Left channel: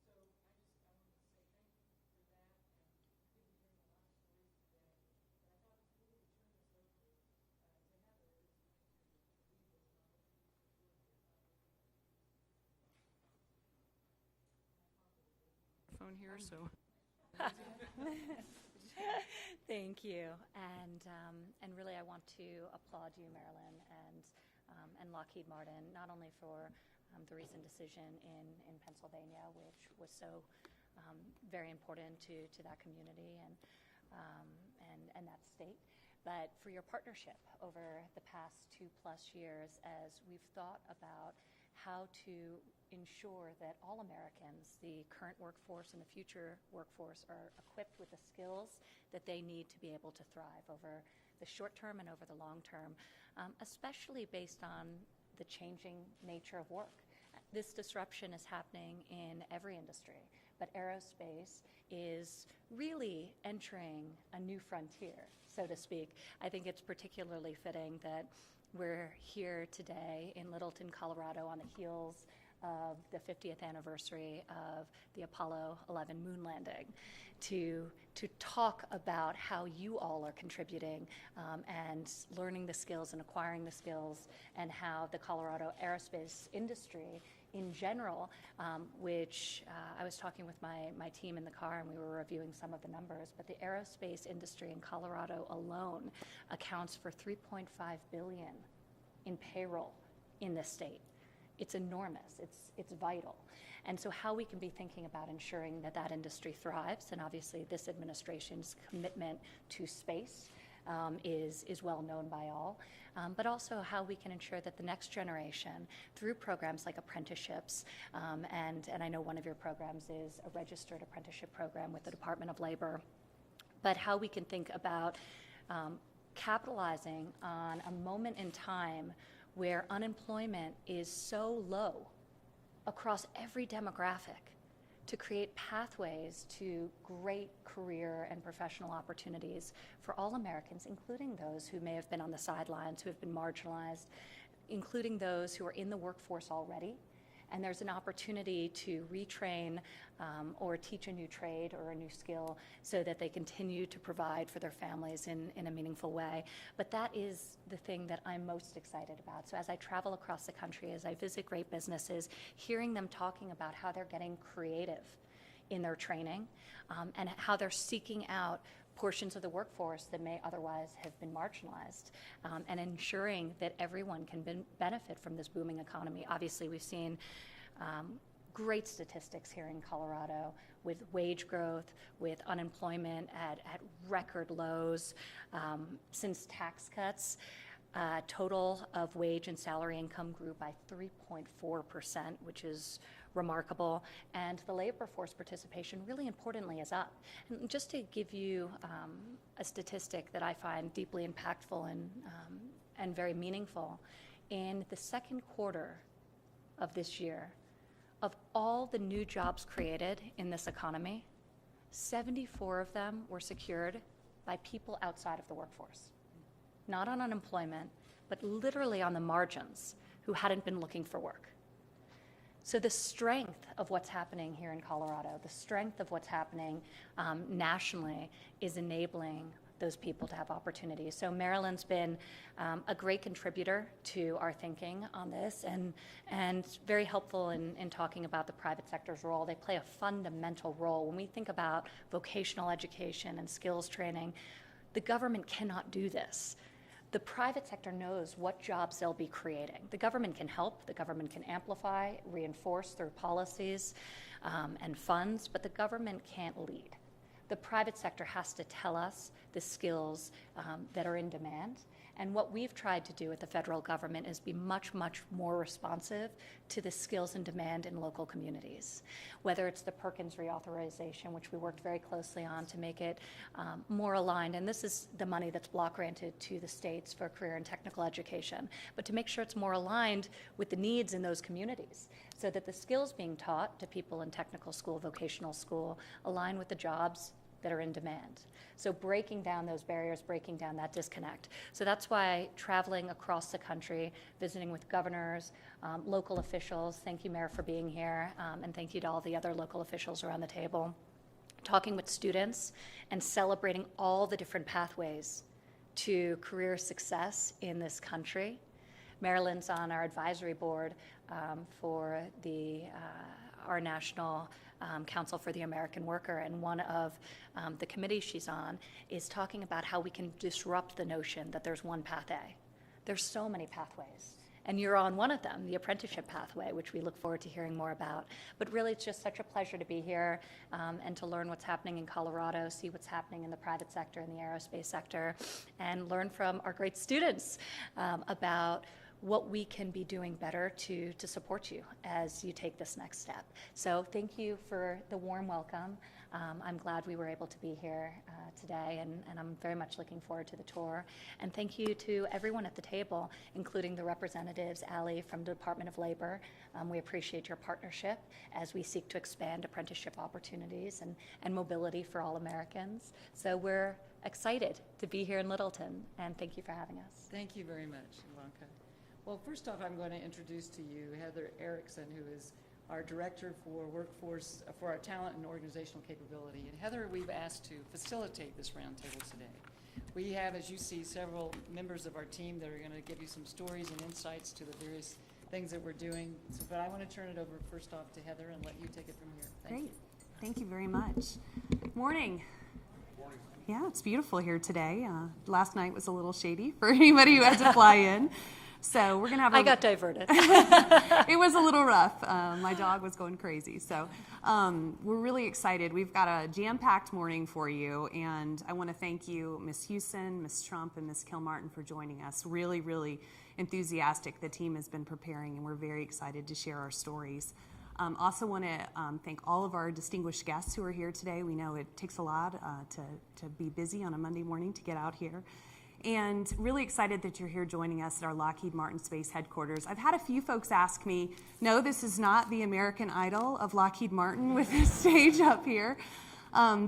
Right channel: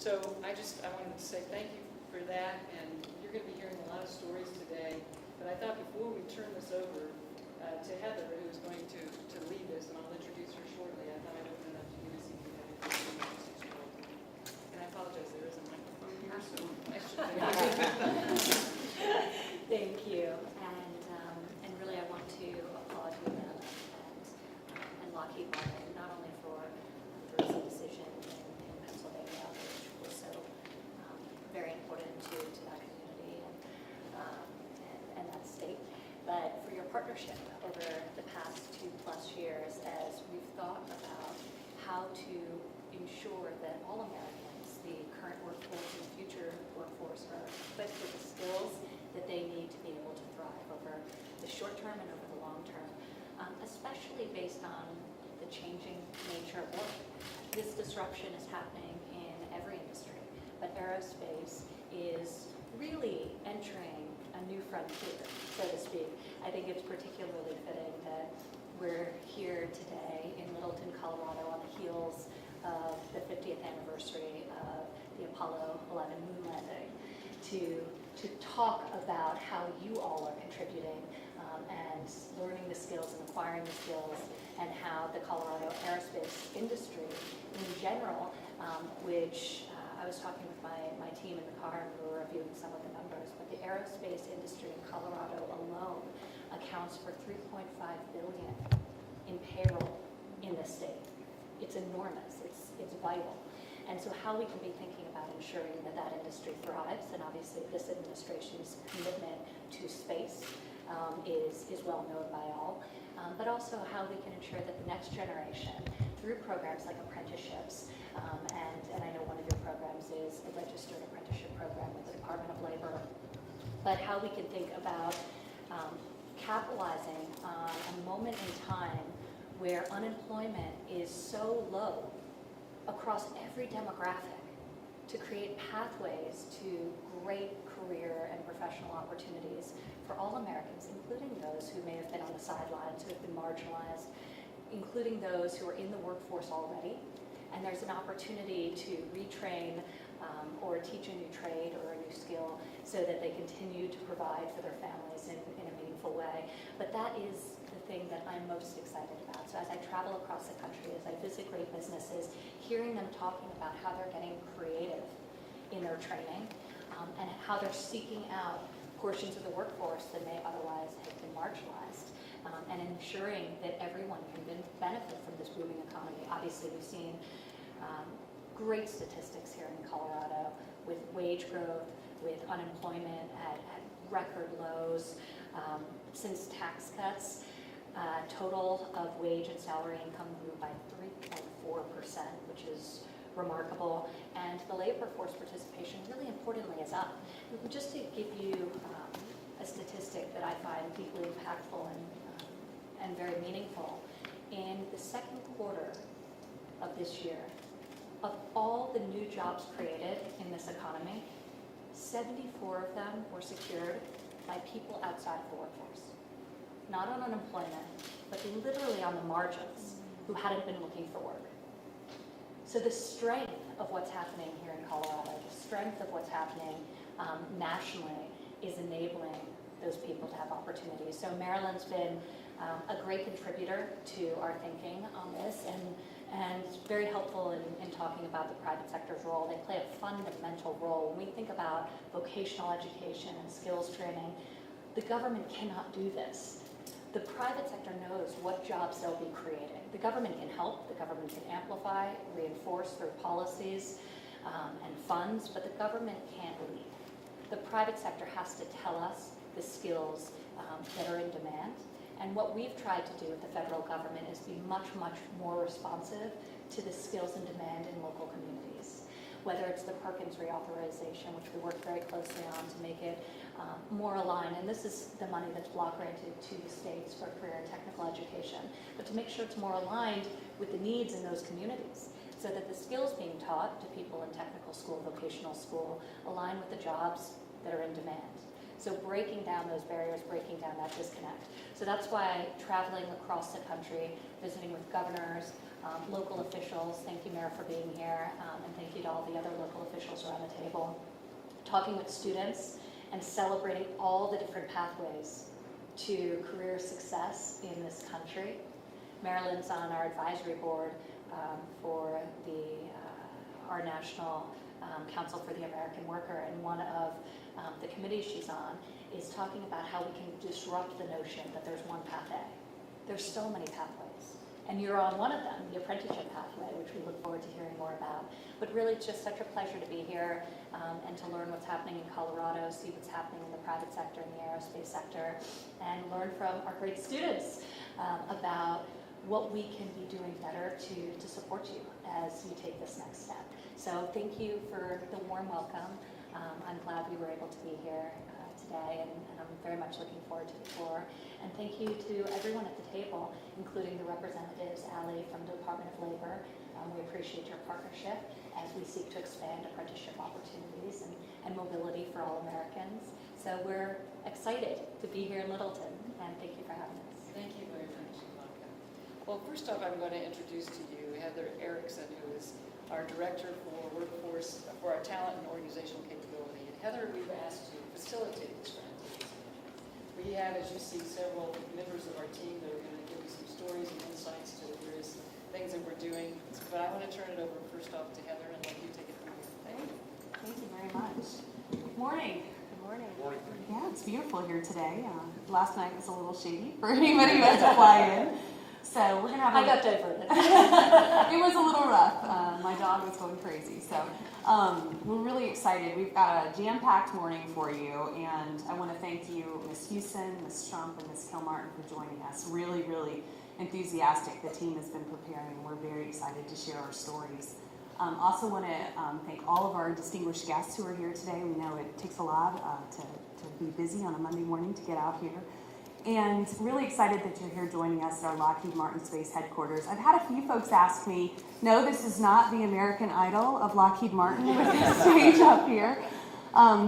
So I wanted to say thank you for that, and you're going to be hearing a lot of stories today. But I thought before we turn this over to Heather, who is going to lead this, and I'll introduce her shortly, I thought I'd open it up to you to see if you had any questions. And I apologize, there is a microphone here, so I should Thank you, and really I want to applaud you and Lockheed Martin, not only for the recent decision in Pennsylvania, which was so very important to that community and that state, but for your partnership over the past 2+ years as we've thought about how to ensure that all Americans, the current workforce and the future workforce, are equipped with the skills that they need to be able to thrive over the short term and over the long term, especially based on the changing nature of work. This disruption is happening in every industry, but aerospace is really entering a new frontier, so to speak. I think it's particularly fitting that we're here today in Littleton, Colorado, on the heels of the 50th anniversary of the Apollo 11 moon landing to talk about how you all are contributing and learning the skills and acquiring the skills, and how the Colorado aerospace industry in general, which I was talking with my team in the car and we were reviewing some of the numbers, but the aerospace industry in Colorado alone accounts for $3.5 billion in payroll in the state. It's enormous, it's vital. And so how we can be thinking about ensuring that that industry thrives, and obviously this administration's commitment to space is well known by all, but also how we can ensure that the next generation, through programs like apprenticeships, and I know one of your programs is a registered apprenticeship program with the Department of Labor, but how we can think about capitalizing on a moment in time where unemployment is so low across every demographic, to create pathways to great career and professional opportunities for all Americans, including those who may have been on the sidelines, who have been marginalized, including those who are in the workforce already. And there's an opportunity to retrain or teach a new trade or a new skill so that they continue to provide for their families in a meaningful way. But that is the thing that I'm most excited about. So as I travel across the country, as I visit great businesses, hearing them talking about how they're getting creative in their training and how they're seeking out portions of the workforce that may otherwise have been marginalized, and ensuring that everyone can benefit from this booming economy. Obviously, we've seen great statistics here in Colorado with wage growth, with unemployment at record lows. Since tax cuts, total of wage and salary income grew by 3.4%, which is remarkable, and the labor force participation, really importantly, is up. Just to give you a statistic that I find deeply impactful and very meaningful, in the second quarter of this year, of all the new jobs created in this economy, 74 of them were secured by people outside of the workforce. Not on unemployment, but literally on the margins, who hadn't been looking for work. So the strength of what's happening here in Colorado, the strength of what's happening nationally, is enabling those people to have opportunities. So Maryland's been a great contributor to our thinking on this, and very helpful in talking about the private sector's role. They play a fundamental role. When we think about vocational education and skills training, the government cannot do this. The private sector knows what jobs they'll be creating. The government can help, the government can amplify, reinforce through policies and funds, but the government can't lead. The private sector has to tell us the skills that are in demand. And what we've tried to do with the federal government is be much, much more responsive to the skills and demand in local communities. Whether it's the Perkins reauthorization, which we worked very closely on to make it more aligned, and this is the money that's block granted to the states for career and technical education, but to make sure it's more aligned with the needs in those communities, so that the skills being taught to people in technical school, vocational school, align with the jobs that are in demand. So breaking down those barriers, breaking down that disconnect. So that's why traveling across the country, visiting with governors, local officials, thank you, Mayor, for being here, and thank you to all the other local officials around the table, talking with students and celebrating all the different pathways to career success in this country. Marilyn's on our advisory board for our National Council for the American Worker, and one of the committees she's on is talking about how we can disrupt the notion that there's one path A. There's so many pathways, and you're on one of them, the apprenticeship pathway, which we look forward to hearing more about. But really, it's just such a pleasure to be here and to learn what's happening in Colorado, see what's happening in the private sector, in the aerospace sector, and learn from our great students about what we can be doing better to support you as you take this next step. So thank you for the warm welcome. I'm glad we were able to be here today, and I'm very much looking forward to the tour. And thank you to everyone at the table, including the representatives, Ali from the Department of Labor. We appreciate your partnership as we seek to expand apprenticeship opportunities and mobility for all Americans. So we're excited to be here in Littleton, and thank you for having us. Thank you very much, Ivanka. Well, first off, I'm going to introduce to you Heather Erickson, who is our Director for Workforce, for our Talent and Organizational Capability. And Heather, we've asked to facilitate this roundtable today. We have, as you see, several members of our team that are going to give you some stories and insights to the various things that we're doing. But I want to turn it over first off to Heather and let you take it from here. Thank you. Thank you very much. Morning. Good morning. Yeah, it's beautiful here today. Last night was a little shady for anybody who had to fly in. So we're gonna have. I got diverted. It was a little rough. My dog was going crazy. So we're really excited. We've got a jam-packed morning for you, and I want to thank you, Ms. Houston, Ms. Trump, and Ms. Kilmartin for joining us. Really, really enthusiastic. The team has been preparing, and we're very excited to share our stories. Also want to thank all of our distinguished guests who are here today. We know it takes a lot to be busy on a Monday morning to get out here. And really excited that you're here joining us at our Lockheed Martin Space Headquarters. I've had a few folks ask me, no, this is not the American Idol of Lockheed Martin with this stage up here.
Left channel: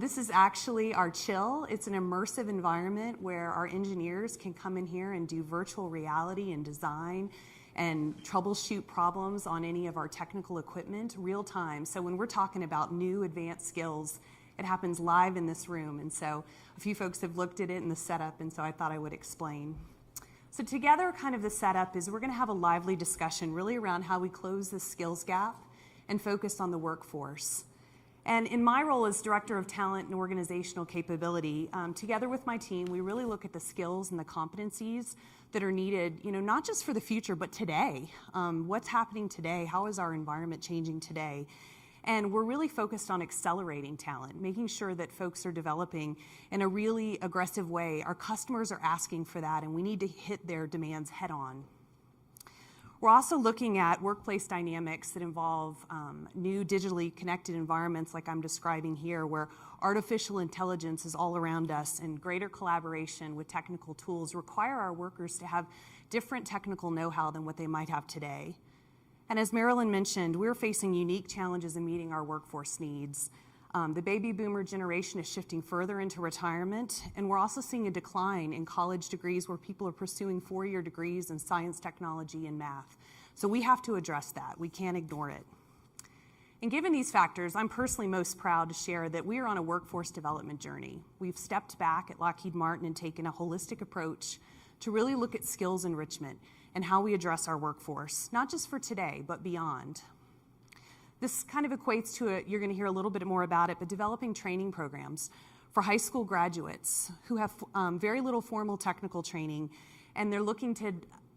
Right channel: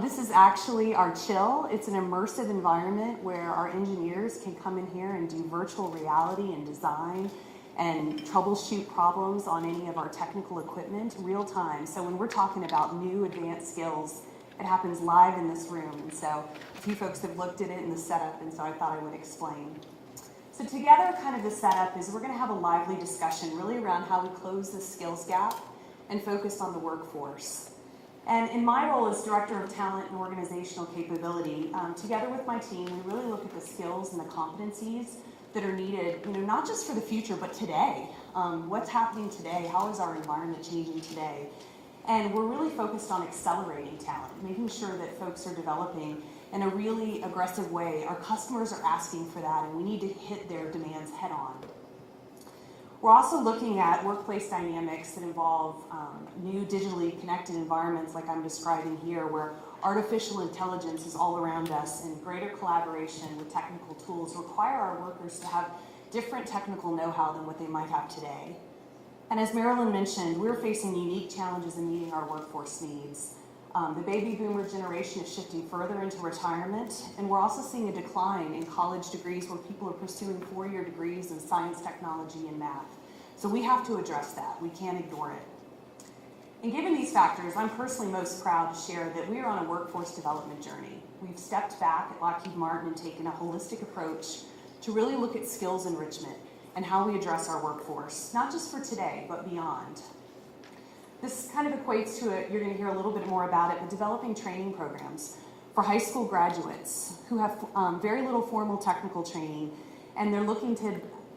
This is actually our chill. It's an immersive environment where our engineers can come in here and do virtual reality and design and troubleshoot problems on any of our technical equipment real time. So when we're talking about new advanced skills, it happens live in this room. And so a few folks have looked at it in the setup, and so I thought I would explain. So together, kind of the setup is we're going to have a lively discussion really around how we close the skills gap and focus on the workforce. And in my role as Director of Talent and Organizational Capability, together with my team, we really look at the skills and the competencies that are needed, not just for the future, but today. What's happening today? How is our environment changing today? And we're really focused on accelerating talent, making sure that folks are developing in a really aggressive way. Our customers are asking for that, and we need to hit their demands head on. We're also looking at workplace dynamics that involve new digitally connected environments like I'm describing here, where artificial intelligence is all around us, and greater collaboration with technical tools require our workers to have different technical know-how than what they might have today. And as Marilyn mentioned, we're facing unique challenges in meeting our workforce needs. The baby boomer generation is shifting further into retirement, and we're also seeing a decline in college degrees where people are pursuing four-year degrees in science, technology, and math. So we have to address that. We can't ignore it. And given these factors, I'm personally most proud to share that we are on a workforce development journey. We've stepped back at Lockheed Martin and taken a holistic approach to really look at skills enrichment and how we address our workforce, not just for today, but beyond. This kind of equates to, you're going to hear a little bit more about it, but developing training programs for high school graduates who have very little formal technical training, and they're looking to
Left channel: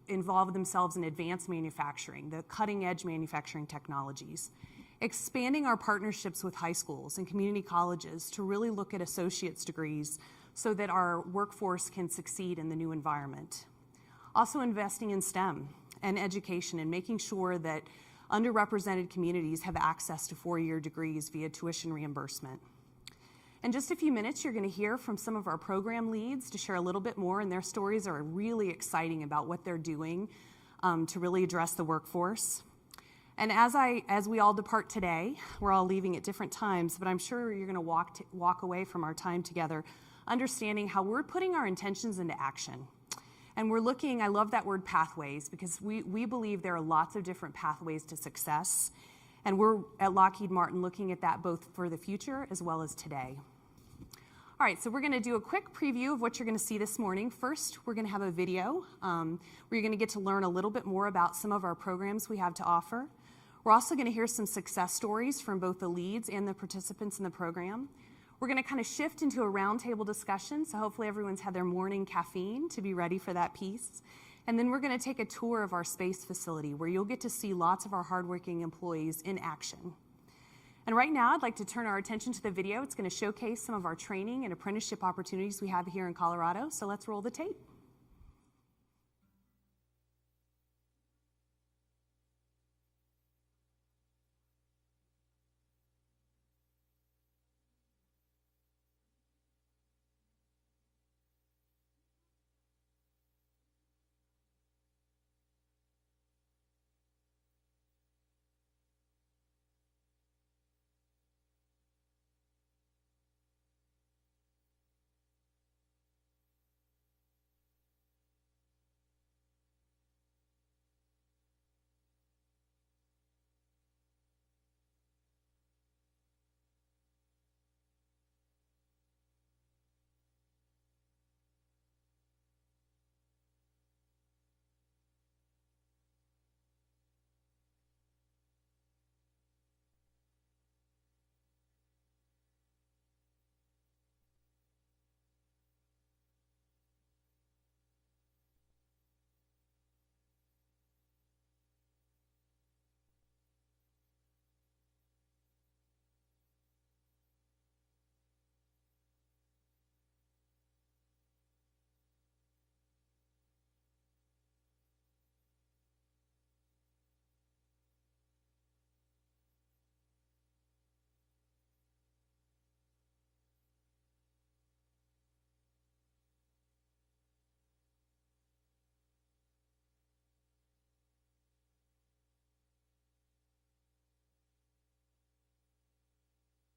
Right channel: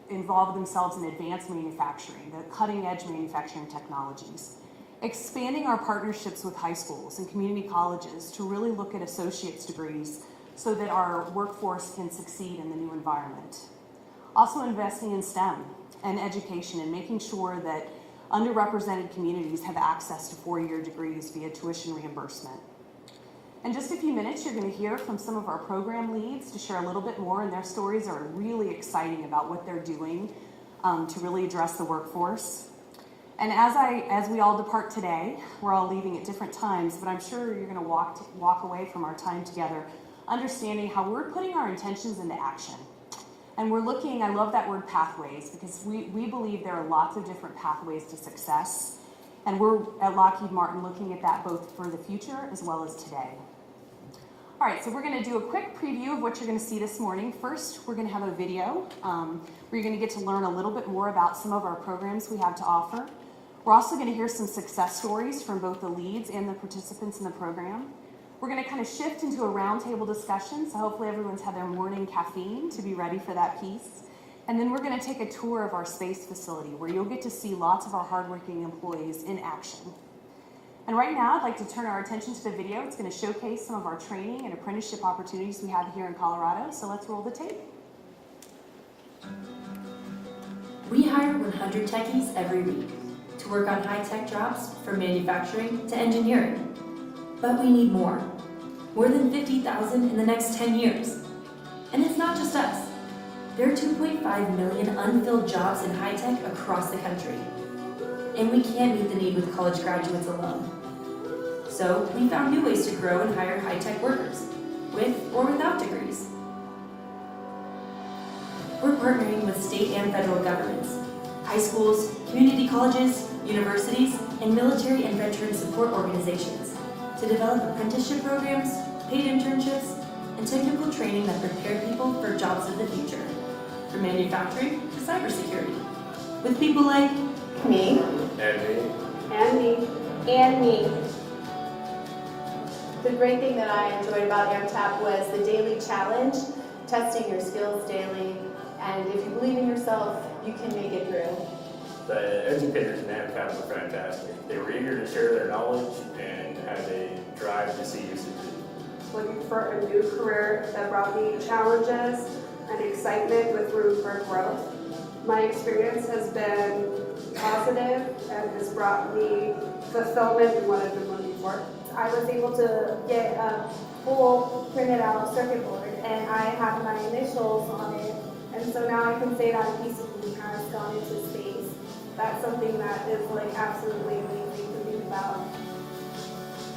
involve themselves in advanced manufacturing, the cutting-edge manufacturing technologies. Expanding our partnerships with high schools and community colleges to really look at associate's degrees so that our workforce can succeed in the new environment. Also investing in STEM and education and making sure that underrepresented communities have access to four-year degrees via tuition reimbursement. In just a few minutes, you're going to hear from some of our program leads to share a little bit more, and their stories are really exciting about what they're doing to really address the workforce. And as we all depart today, we're all leaving at different times, but I'm sure you're going to walk away from our time together understanding how we're putting our intentions into action. And we're looking, I love that word pathways, because we believe there are lots of different pathways to success. And we're at Lockheed Martin looking at that both for the future as well as today. All right, so we're going to do a quick preview of what you're going to see this morning. First, we're going to have a video where you're going to get to learn a little bit more about some of our programs we have to offer. We're also going to hear some success stories from both the leads and the participants in the program. We're going to kind of shift into a roundtable discussion, so hopefully everyone's had their morning caffeine to be ready for that piece. And then we're going to take a tour of our space facility where you'll get to see lots of our hardworking employees in action. And right now, I'd like to turn our attention to the video. It's going to showcase some of our training and apprenticeship opportunities we have here in Colorado. So let's roll the tape. We hire 100 techies every week to work on high-tech jobs from manufacturing to engineering. But we need more than 50,000 in the next 10 years. And it's not just us. There are 2.5 million unfilled jobs in high-tech across the country. And we can't meet the need with college graduates alone. So we found new ways to grow and hire high-tech workers, with or without degrees. We're partnering with state and federal governments, high schools, community colleges, universities, and military and veteran support organizations to develop apprenticeship programs, paid internships, and technical training that prepare people for jobs of the future, from manufacturing to cybersecurity. With people like me, And me. and me, and me. The great thing that I enjoyed about AMTAP was the daily challenge, testing your skills daily, and if you believe in yourself, you can make it through. The educators in AMCAP were fantastic. They were eager to share their knowledge and had a drive to see you succeed. Looking for a new career that brought me challenges and excitement with room for growth. My experience has been positive and has brought me fulfillment in what I've been looking for. I was able to get a full printed out circuit board and I have my initials on it, and so now I can say that a piece of me has gone into space. That's something that is like absolutely amazing to think about.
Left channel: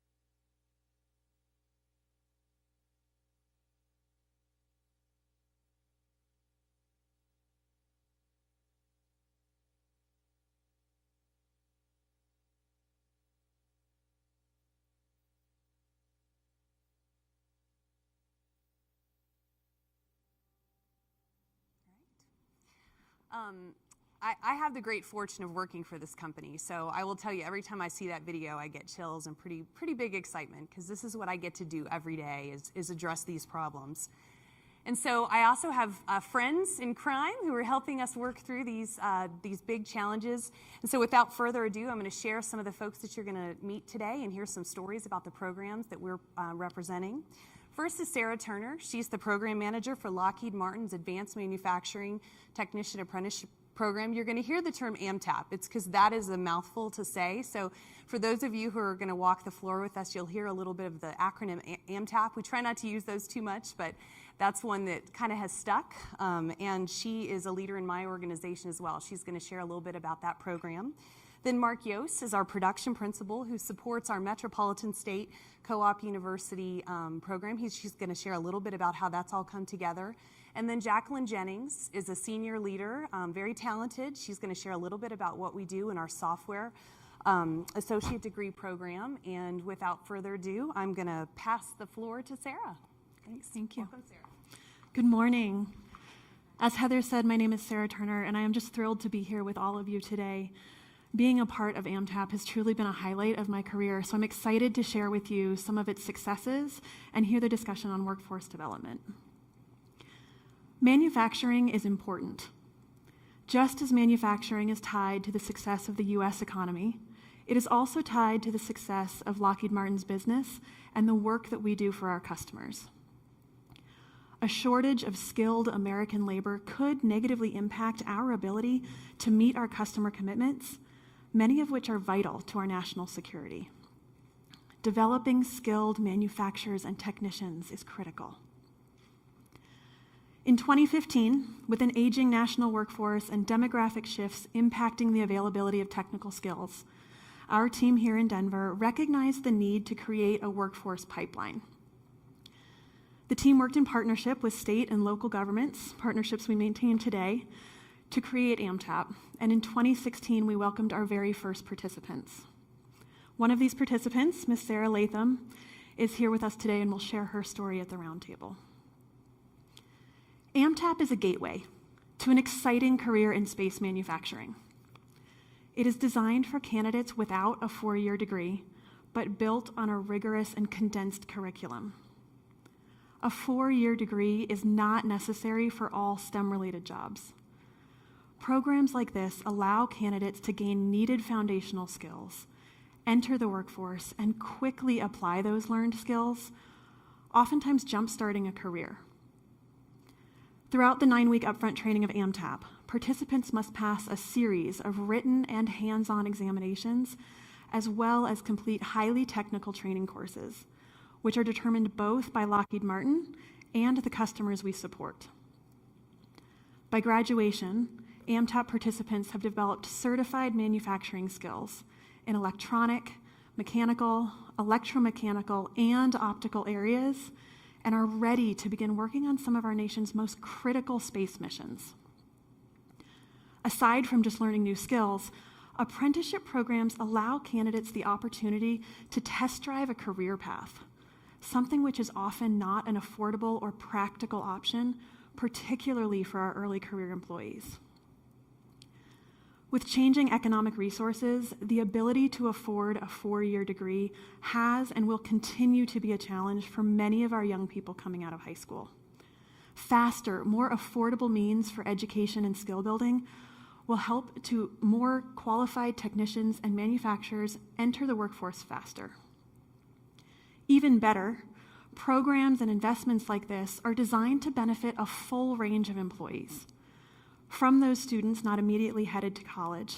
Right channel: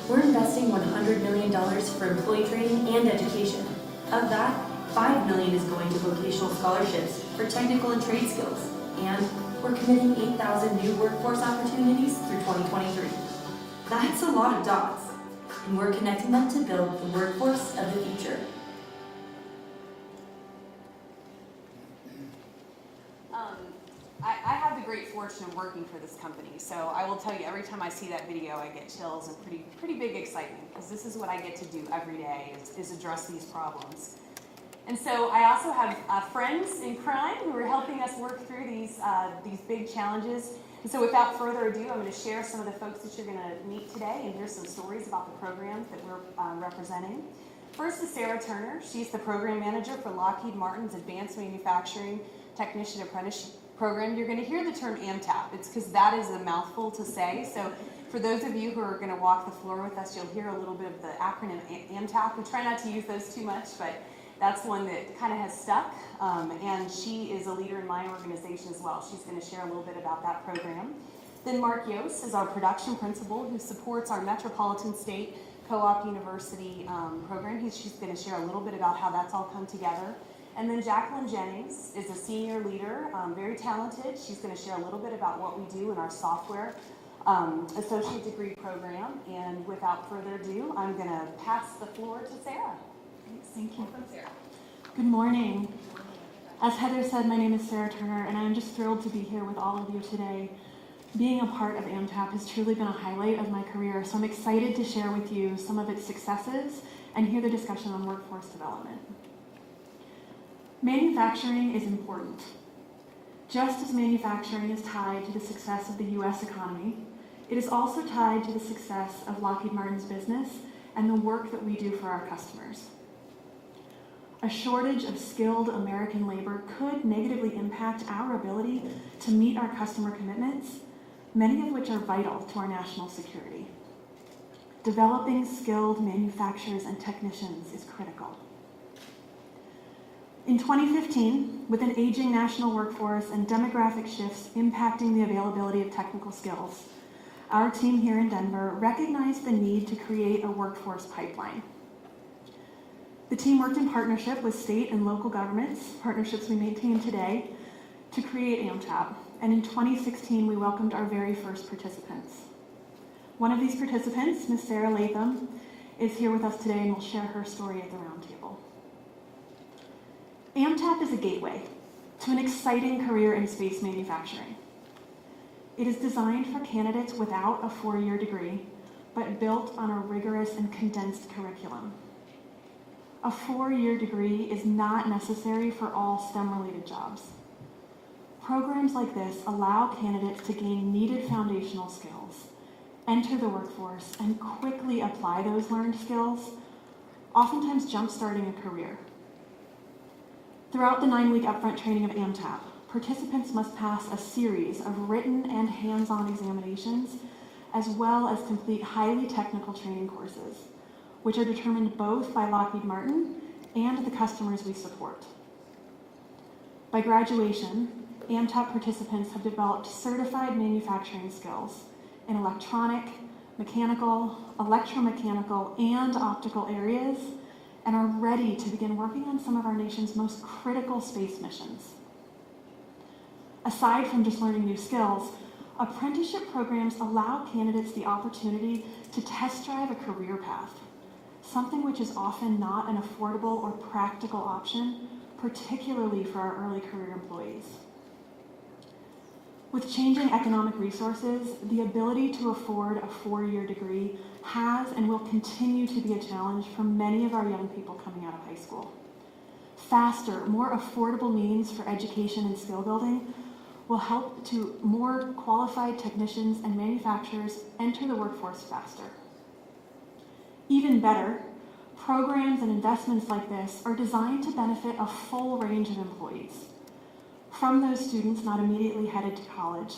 We're investing $100 million for employee training and education. Of that, $5 million is going to vocational scholarships for technical and trade skills. And we're committing 8,000 new workforce opportunities through 2023. That's a lot of dots. And we're connecting them to build the workforce of the future. I have the great fortune of working for this company, so I will tell you, every time I see that video, I get chills and pretty big excitement, because this is what I get to do every day, is address these problems. And so I also have friends in crime who are helping us work through these big challenges. And so without further ado, I'm going to share some of the folks that you're going to meet today and hear some stories about the programs that we're representing. First is Sarah Turner. She's the program manager for Lockheed Martin's Advanced Manufacturing Technician Apprenticeship Program. You're going to hear the term AMTAP. It's because that is a mouthful to say. So for those of you who are going to walk the floor with us, you'll hear a little bit of the acronym AMTAP. We try not to use those too much, but that's one that kind of has stuck. And she is a leader in my organization as well. She's going to share a little bit about that program. Then Mark Yost is our production principal who supports our Metropolitan State Co-op University program. She's going to share a little bit about how that's all come together. And then Jacqueline Jennings is a senior leader, very talented. She's going to share a little bit about what we do in our software associate degree program. And without further ado, I'm going to pass the floor to Sarah. Thank you. Welcome, Sarah. Good morning. As Heather said, my name is Sarah Turner, and I'm just thrilled to be here with all of you today. Being a part of AMTAP has truly been a highlight of my career, so I'm excited to share with you some of its successes and hear the discussion on workforce development. Manufacturing is important. Just as manufacturing is tied to the success of the U.S. economy, it is also tied to the success of Lockheed Martin's business and the work that we do for our customers. A shortage of skilled American labor could negatively impact our ability to meet our customer commitments, many of which are vital to our national security. Developing skilled manufacturers and technicians is critical. In 2015, with an aging national workforce and demographic shifts impacting the availability of technical skills, our team here in Denver recognized the need to create a workforce pipeline. The team worked in partnership with state and local governments, partnerships we maintain today, to create AMTAP, and in 2016 we welcomed our very first participants. One of these participants, Ms. Sarah Latham, is here with us today and will share her story at the Roundtable. AMTAP is a gateway to an exciting career in space manufacturing. It is designed for candidates without a 4-year degree, but built on a rigorous and condensed curriculum. A 4-year degree is not necessary for all STEM-related jobs. Programs like this allow candidates to gain needed foundational skills, enter the workforce, and quickly apply those learned skills, oftentimes jump-starting a career. Throughout the 9-week upfront training of AMTAP, participants must pass a series of written and hands-on examinations, as well as complete highly technical training courses, which are determined both by Lockheed Martin and the customers we support. By graduation, AMTAP participants have developed certified manufacturing skills in electronic, mechanical, electromechanical, and optical areas, and are ready to begin working on some of our nation's most critical space missions. Aside from just learning new skills, apprenticeship programs allow candidates the opportunity to test drive a career path, something which is often not an affordable or practical option, particularly for our early career employees. With changing economic resources, the ability to afford a 4-year degree has and will continue to be a challenge for many of our young people coming out of high school. Faster, more affordable means for education and skill building will help to more qualified technicians and manufacturers enter the workforce faster. Even better, programs and investments like this are designed to benefit a full range of employees, from those students not immediately headed to college,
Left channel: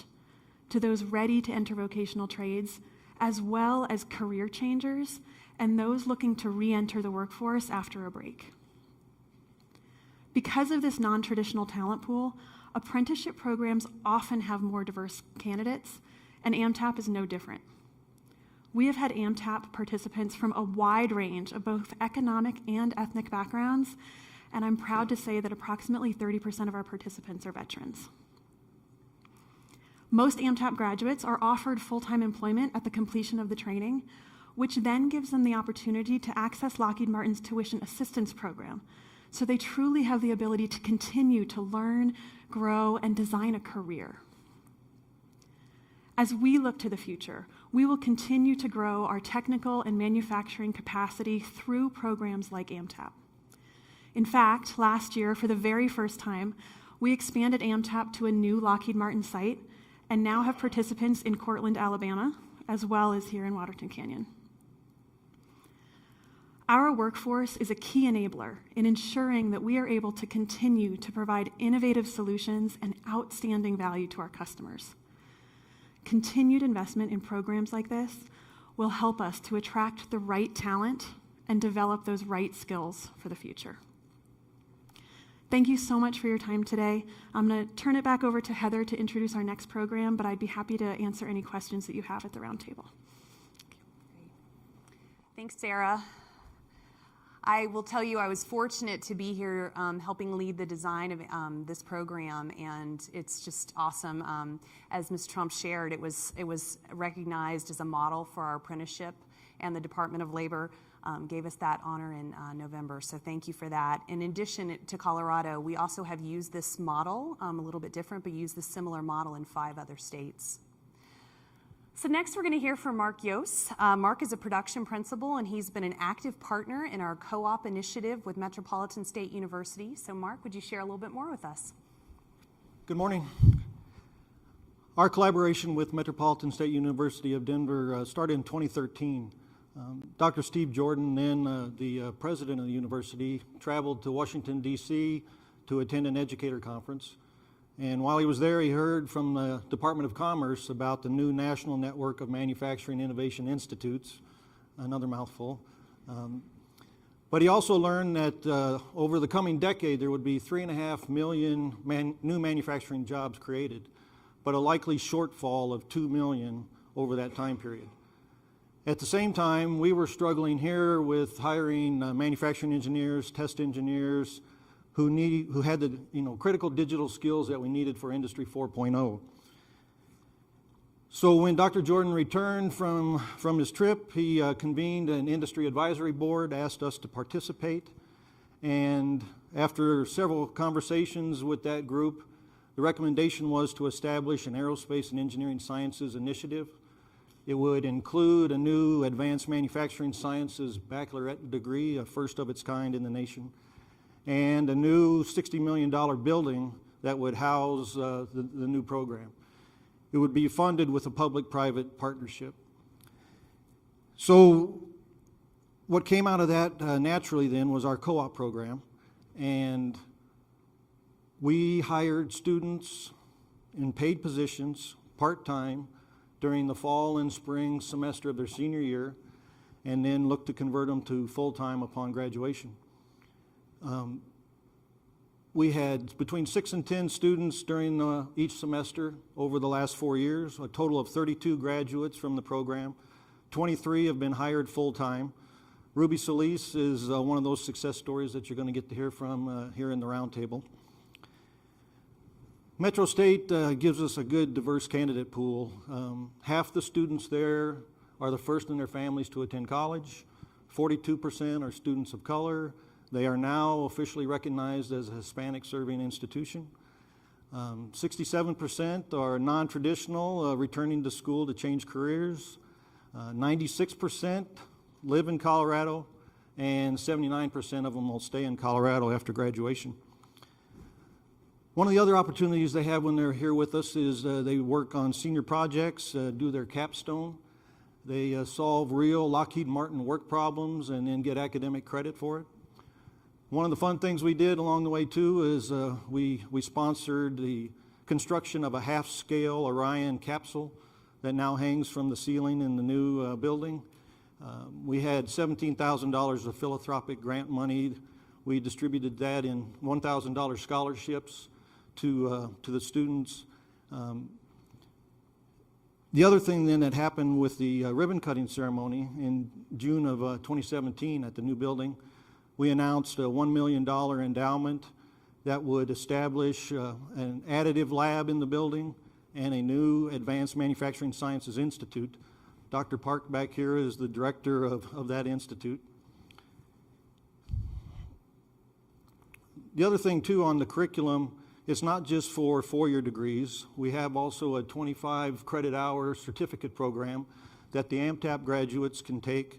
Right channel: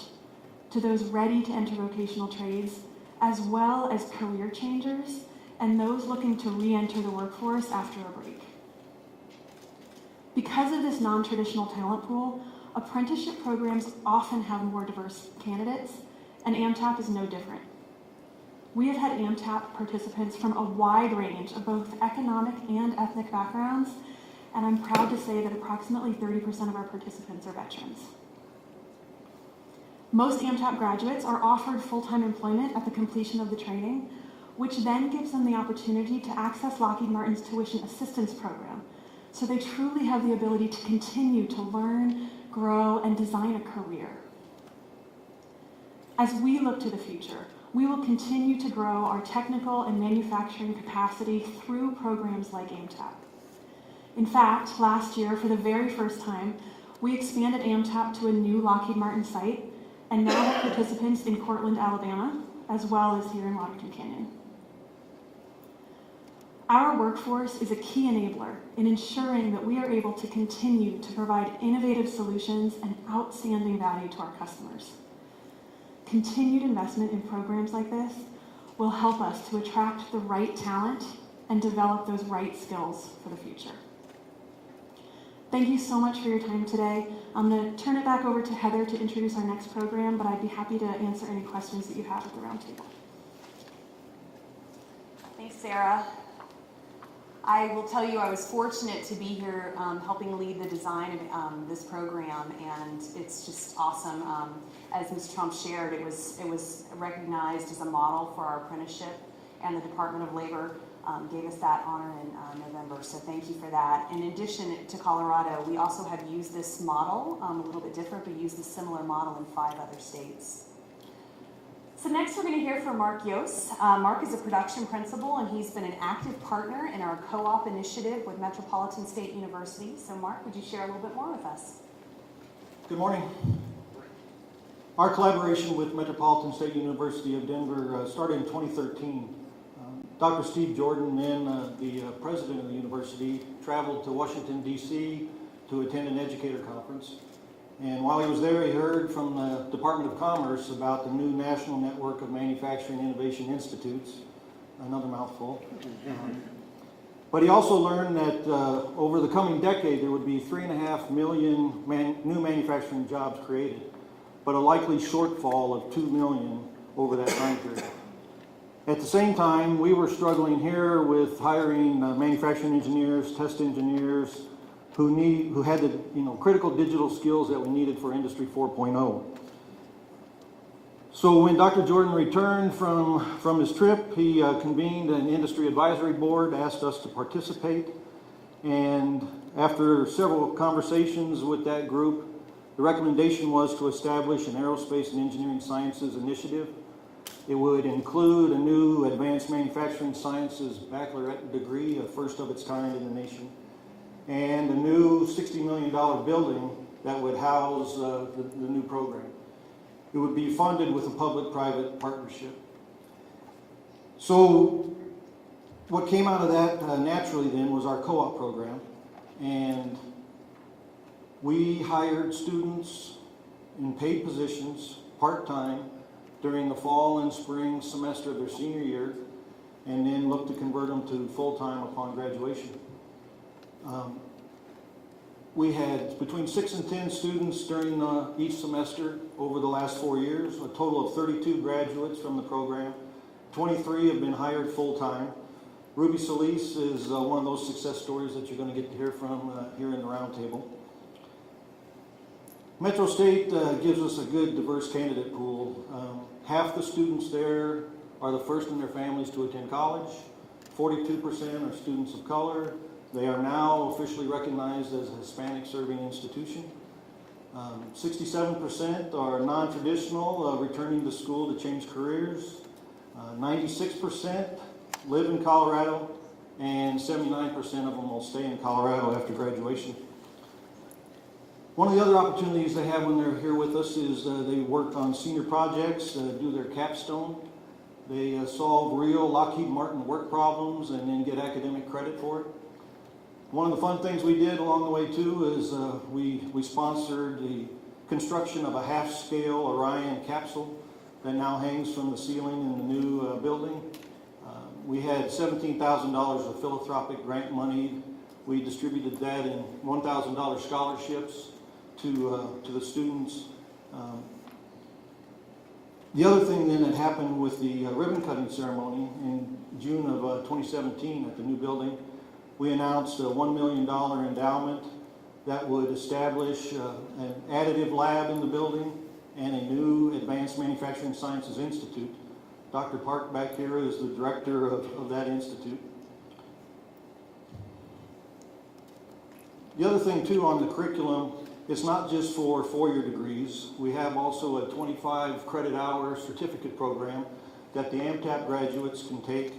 to those ready to enter vocational trades, as well as career changers and those looking to re-enter the workforce after a break. Because of this non-traditional talent pool, apprenticeship programs often have more diverse candidates, and AMTAP is no different. We have had AMTAP participants from a wide range of both economic and ethnic backgrounds, and I'm proud to say that approximately 30% of our participants are veterans. Most AMTAP graduates are offered full-time employment at the completion of the training, which then gives them the opportunity to access Lockheed Martin's tuition assistance program, so they truly have the ability to continue to learn, grow, and design a career. As we look to the future, we will continue to grow our technical and manufacturing capacity through programs like AMTAP. In fact, last year, for the very first time, we expanded AMTAP to a new Lockheed Martin site and now have participants in Cortland, Alabama, as well as here in Waterton Canyon. Our workforce is a key enabler in ensuring that we are able to continue to provide innovative solutions and outstanding value to our customers. Continued investment in programs like this will help us to attract the right talent and develop those right skills for the future. Thank you so much for your time today. I'm going to turn it back over to Heather to introduce our next program, but I'd be happy to answer any questions that you have at the Roundtable. Thanks, Sarah. I will tell you I was fortunate to be here helping lead the design of this program, and it's just awesome. As Ms. Trump shared, it was recognized as a model for our apprenticeship, and the Department of Labor gave us that honor in November, so thank you for that. In addition to Colorado, we also have used this model, a little bit different, but used a similar model in 5 other states. So next we're going to hear from Mark Yost. Mark is a production principal, and he's been an active partner in our co-op initiative with Metropolitan State University. So Mark, would you share a little bit more with us? Good morning. Our collaboration with Metropolitan State University of Denver started in 2013. Dr. Steve Jordan, then the president of the university, traveled to Washington, D.C. to attend an educator conference. And while he was there, he heard from the Department of Commerce about the new National Network of Manufacturing Innovation Institutes, another mouthful. But he also learned that over the coming decade, there would be 3.5 million new manufacturing jobs created, but a likely shortfall of 2 million over that time period. At the same time, we were struggling here with hiring manufacturing engineers, test engineers, who had the critical digital skills that we needed for Industry 4.0. So when Dr. Jordan returned from his trip, he convened an industry advisory board, asked us to participate, and after several conversations with that group, the recommendation was to establish an aerospace and engineering sciences initiative. It would include a new advanced manufacturing sciences baccalaureate degree, a first of its kind in the nation, and a new $60 million building that would house the new program. It would be funded with a public-private partnership. So what came out of that naturally then was our co-op program, and we hired students in paid positions, part-time, during the fall and spring semester of their senior year, and then looked to convert them to full-time upon graduation. We had between 6 and 10 students during each semester over the last 4 years, a total of 32 graduates from the program. 23 have been hired full-time. Ruby Solis is one of those success stories that you're going to get to hear from here in the Roundtable. Metro State gives us a good diverse candidate pool. Half the students there are the first in their families to attend college. 42% are students of color. They are now officially recognized as a Hispanic serving institution. 67% are non-traditional, returning to school to change careers. 96% live in Colorado, and 79% of them will stay in Colorado after graduation. One of the other opportunities they have when they're here with us is they work on senior projects, do their capstone. They solve real Lockheed Martin work problems and then get academic credit for it. One of the fun things we did along the way too is we sponsored the construction of a half-scale Orion capsule that now hangs from the ceiling in the new building. We had $17,000 of philanthropic grant money. We distributed that in $1,000 scholarships to the students. The other thing then that happened with the ribbon cutting ceremony in June of 2017 at the new building, we announced a $1 million endowment that would establish an additive lab in the building and a new Advanced Manufacturing Sciences Institute. Dr. Park back here is the director of that institute. The other thing too on the curriculum, it's not just for four-year degrees. We have also a 25 credit hour certificate program that the AMTAP graduates can take,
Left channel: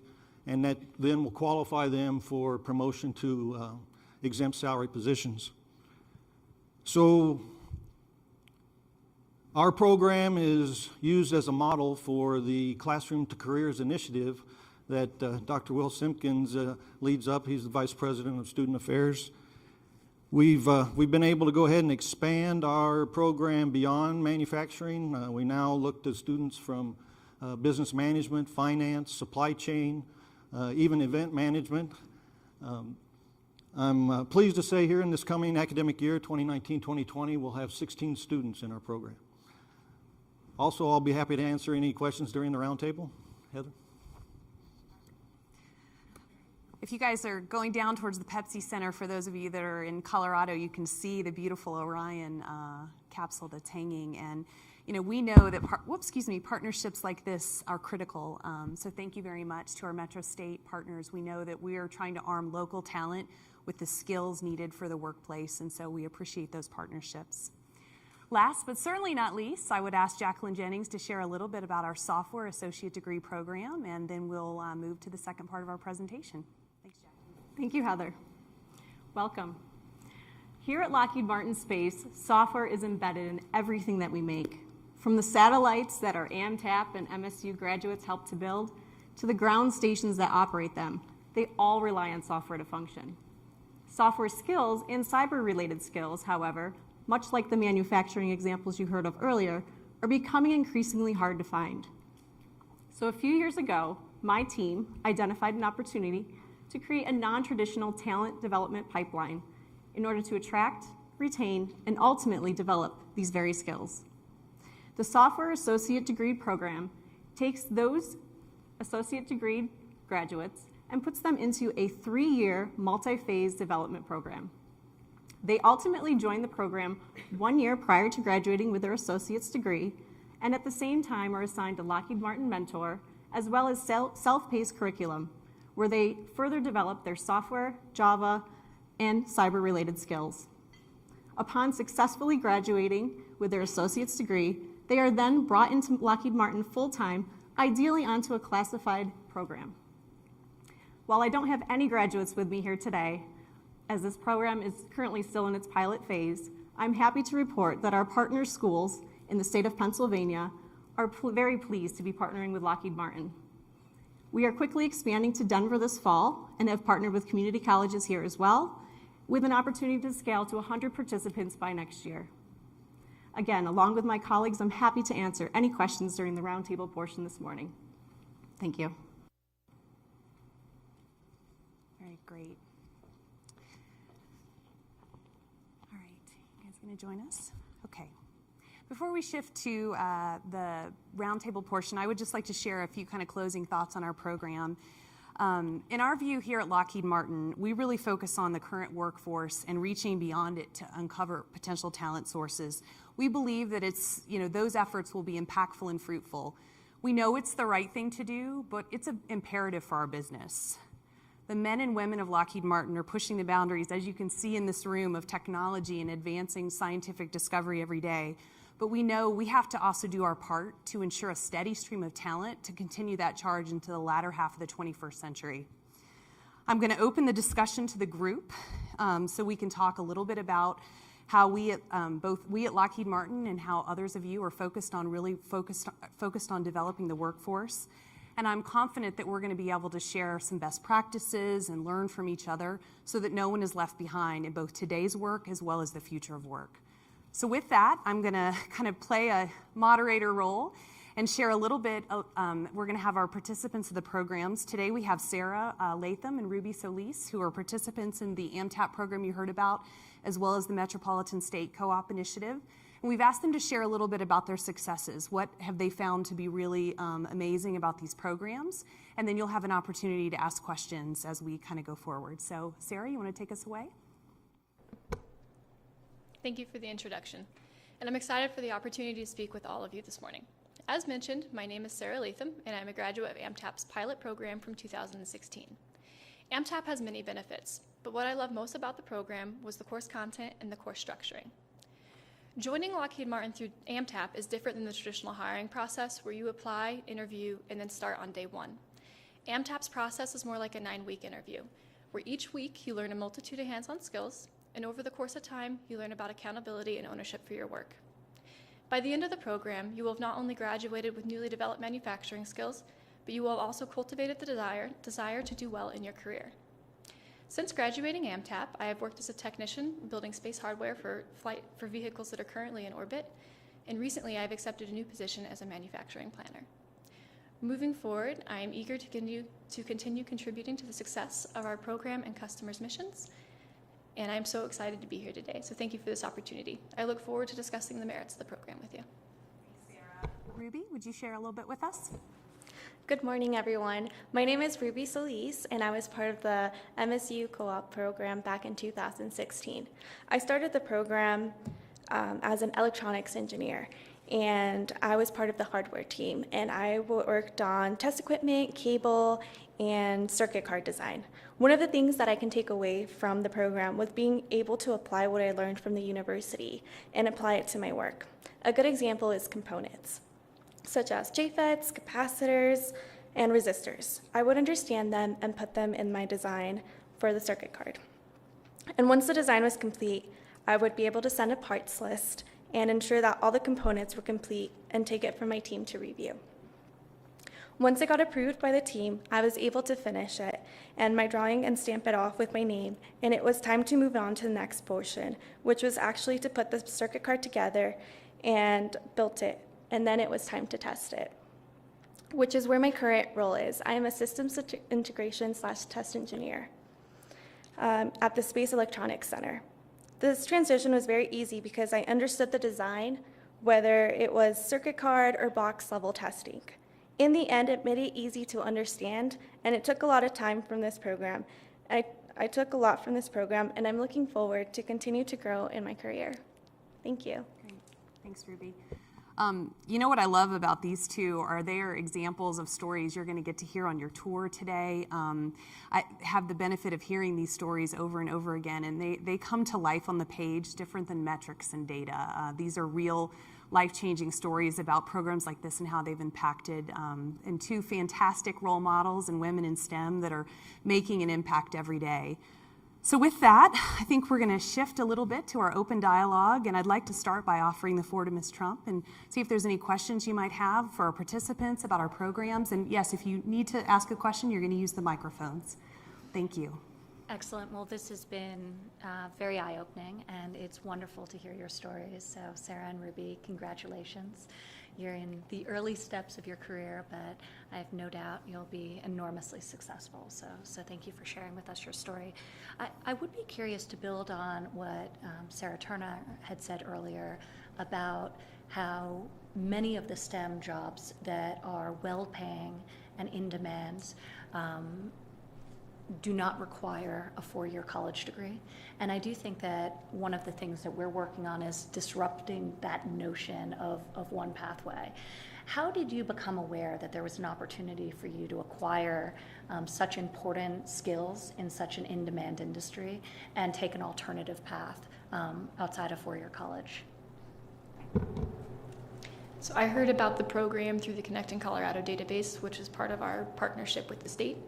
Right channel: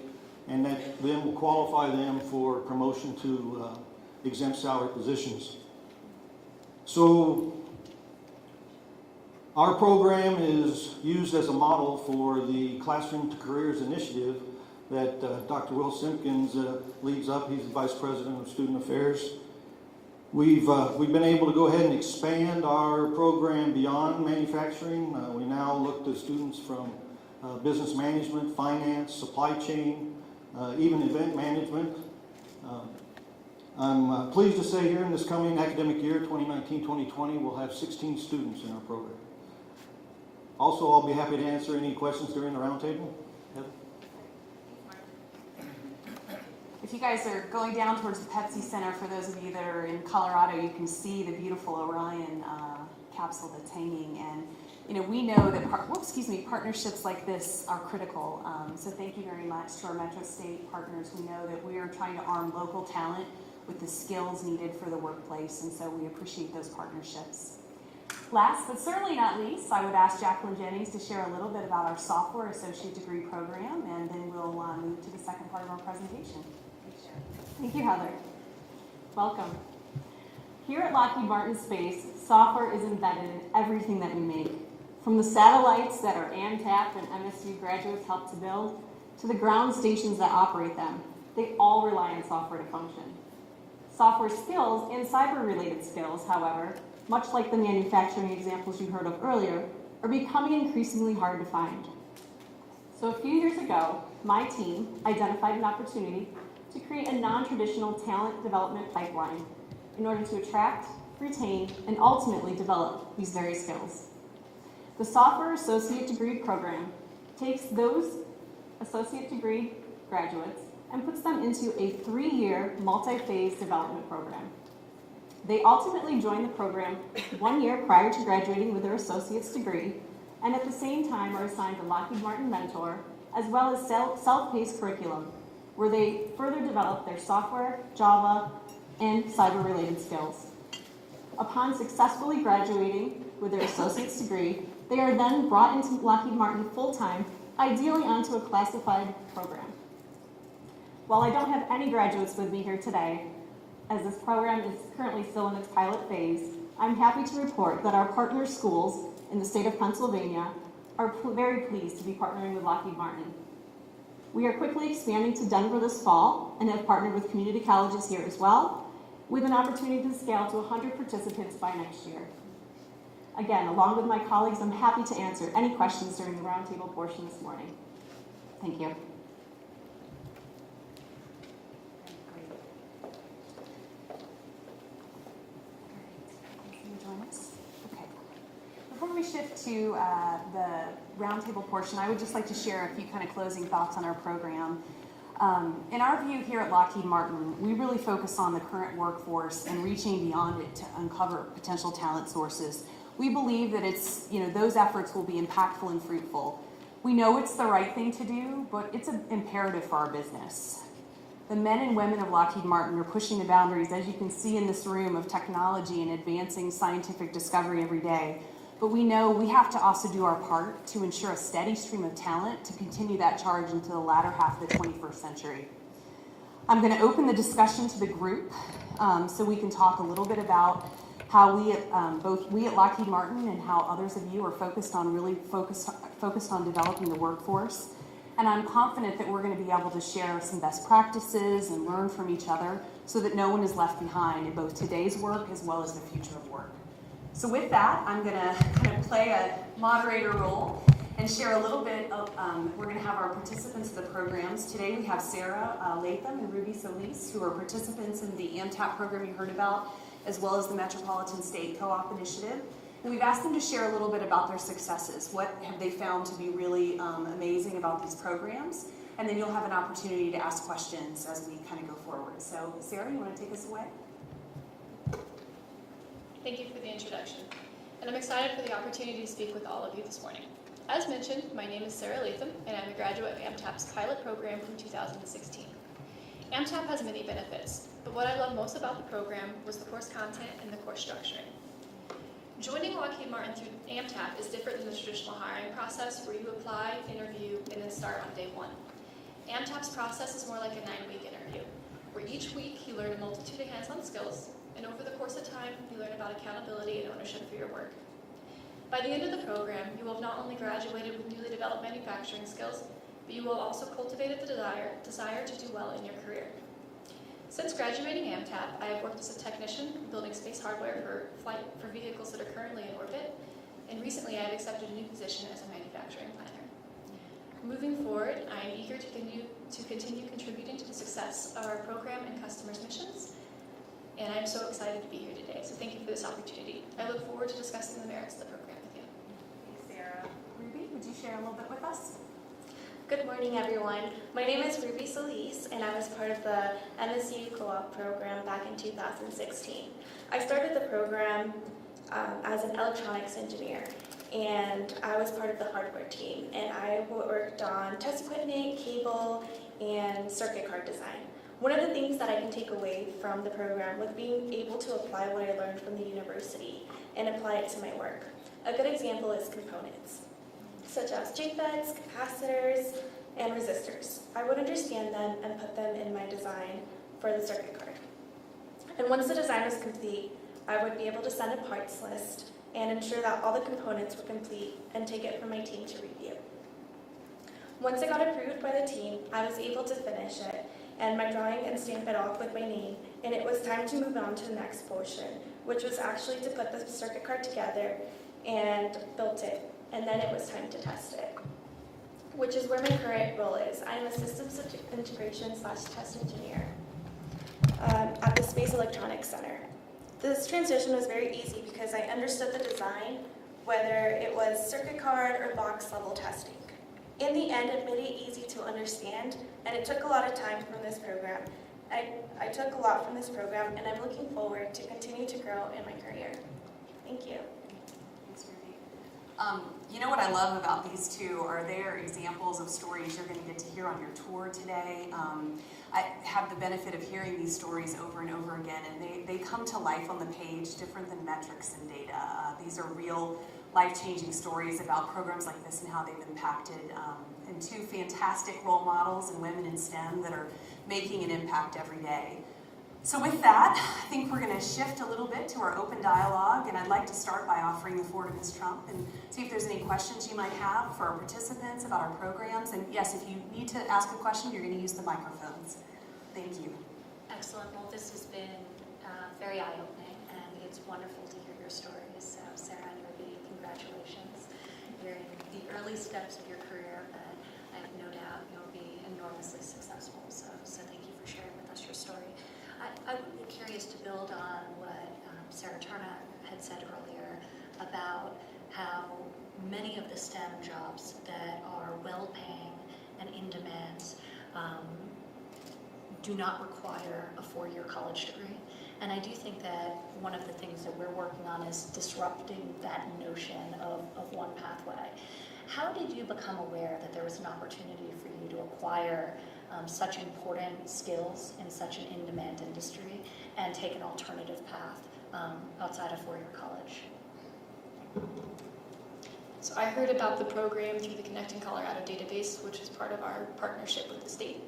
and that then will qualify them for promotion to exempt salary positions. So our program is used as a model for the Classroom to Careers initiative that Dr. Will Simpkins leads up. He's the Vice President of Student Affairs. We've been able to go ahead and expand our program beyond manufacturing. We now look to students from business management, finance, supply chain, even event management. I'm pleased to say here in this coming academic year, 2019-2020, we'll have 16 students in our program. Also, I'll be happy to answer any questions during the roundtable. Heather? If you guys are going down towards the Pepsi Center, for those of you that are in Colorado, you can see the beautiful Orion capsule that's hanging. And we know that partnerships like this are critical. So thank you very much to our Metro State partners. We know that we are trying to arm local talent with the skills needed for the workplace, and so we appreciate those partnerships. Last but certainly not least, I would ask Jacqueline Jennings to share a little bit about our software associate degree program, and then we'll move to the second part of our presentation. Thank you, Heather. Welcome. Here at Lockheed Martin Space, software is embedded in everything that we make. From the satellites that our AMTAP and MSU graduates help to build, to the ground stations that operate them, they all rely on software to function. Software skills and cyber-related skills, however, much like the manufacturing examples you heard of earlier, are becoming increasingly hard to find. So a few years ago, my team identified an opportunity to create a non-traditional talent development pipeline in order to attract, retain, and ultimately develop these very skills. The Software Associate Degree Program takes those associate degree graduates and puts them into a 3-year multi-phase development program. They ultimately join the program 1 year prior to graduating with their associate's degree, and at the same time are assigned a Lockheed Martin mentor, as well as self-paced curriculum, where they further develop their software, Java, and cyber-related skills. Upon successfully graduating with their associate's degree, they are then brought into Lockheed Martin full-time, ideally onto a classified program. While I don't have any graduates with me here today, as this program is currently still in its pilot phase, I'm happy to report that our partner schools in the state of Pennsylvania are very pleased to be partnering with Lockheed Martin. We are quickly expanding to Denver this fall and have partnered with community colleges here as well, with an opportunity to scale to 100 participants by next year. Again, along with my colleagues, I'm happy to answer any questions during the roundtable portion this morning. Thank you. Very great. All right, can you join us? Okay. Before we shift to the roundtable portion, I would just like to share a few kind of closing thoughts on our program. In our view here at Lockheed Martin, we really focus on the current workforce and reaching beyond it to uncover potential talent sources. We believe that those efforts will be impactful and fruitful. We know it's the right thing to do, but it's an imperative for our business. The men and women of Lockheed Martin are pushing the boundaries, as you can see in this room, of technology and advancing scientific discovery every day. But we know we have to also do our part to ensure a steady stream of talent to continue that charge into the latter half of the 21st century. I'm going to open the discussion to the group so we can talk a little bit about how both we at Lockheed Martin and how others of you are focused on developing the workforce. And I'm confident that we're going to be able to share some best practices and learn from each other so that no one is left behind in both today's work as well as the future of work. So with that, I'm going to kind of play a moderator role and share a little bit of, we're going to have our participants of the programs. Today we have Sarah Latham and Ruby Solis, who are participants in the AMTAP program you heard about, as well as the Metropolitan State Co-op Initiative. And we've asked them to share a little bit about their successes. What have they found to be really amazing about these programs? And then you'll have an opportunity to ask questions as we kind of go forward. So Sarah, you want to take us away? Thank you for the introduction, and I'm excited for the opportunity to speak with all of you this morning. As mentioned, my name is Sarah Latham, and I'm a graduate of AMTAP's pilot program from 2016. AMTAP has many benefits, but what I love most about the program was the course content and the course structuring. Joining Lockheed Martin through AMTAP is different than the traditional hiring process where you apply, interview, and then start on day one. AMTAP's process is more like a 9-week interview, where each week you learn a multitude of hands-on skills, and over the course of time, you learn about accountability and ownership for your work. By the end of the program, you will have not only graduated with newly developed manufacturing skills, but you will also cultivated the desire to do well in your career. Since graduating AMTAP, I have worked as a technician building space hardware for vehicles that are currently in orbit, and recently I have accepted a new position as a manufacturing planner. Moving forward, I am eager to continue contributing to the success of our program and customers' missions, and I'm so excited to be here today, so thank you for this opportunity. I look forward to discussing the merits of the program with you. Thanks, Sarah. Ruby, would you share a little bit with us? Good morning, everyone. My name is Ruby Solis, and I was part of the MSU Co-op program back in 2016. I started the program as an electronics engineer, and I was part of the hardware team, and I worked on test equipment, cable, and circuit card design. One of the things that I can take away from the program was being able to apply what I learned from the university and apply it to my work. A good example is components, such as JFETs, capacitors, and resistors. I would understand them and put them in my design for the circuit card. And once the design was complete, I would be able to send a parts list and ensure that all the components were complete and take it for my team to review. Once it got approved by the team, I was able to finish it and my drawing and stamp it off with my name, and it was time to move on to the next portion, which was actually to put the circuit card together and built it, and then it was time to test it, which is where my current role is. I am a systems integration / test engineer at the Space Electronics Center. This transition was very easy because I understood the design, whether it was circuit card or box level testing. In the end, it made it easy to understand, and it took a lot of time from this program. I took a lot from this program, and I'm looking forward to continue to grow in my career. Thank you. Thanks, Ruby. You know what I love about these two are they are examples of stories you're going to get to hear on your tour today. I have the benefit of hearing these stories over and over again, and they come to life on the page different than metrics and data. These are real life-changing stories about programs like this and how they've impacted, and two fantastic role models and women in STEM that are making an impact every day. So with that, I think we're going to shift a little bit to our open dialogue, and I'd like to start by offering the floor to Ms. Trump and see if there's any questions you might have for our participants about our programs. And yes, if you need to ask a question, you're going to use the microphones. Thank you. Excellent. Well, this has been very eye-opening, and it's wonderful to hear your stories. So Sarah and Ruby, congratulations. You're in the early steps of your career, but I have no doubt you'll be enormously successful. So thank you for sharing with us your story. I would be curious to build on what Sarah Turner had said earlier about how many of the STEM jobs that are well-paying and in demand do not require a four-year college degree. And I do think that one of the things that we're working on is disrupting that notion of one pathway. How did you become aware that there was an opportunity for you to acquire such important skills in such an in-demand industry and take an alternative path outside of four-year college? So I heard about the program through the Connecting Colorado database, which is part of our partnership with the state.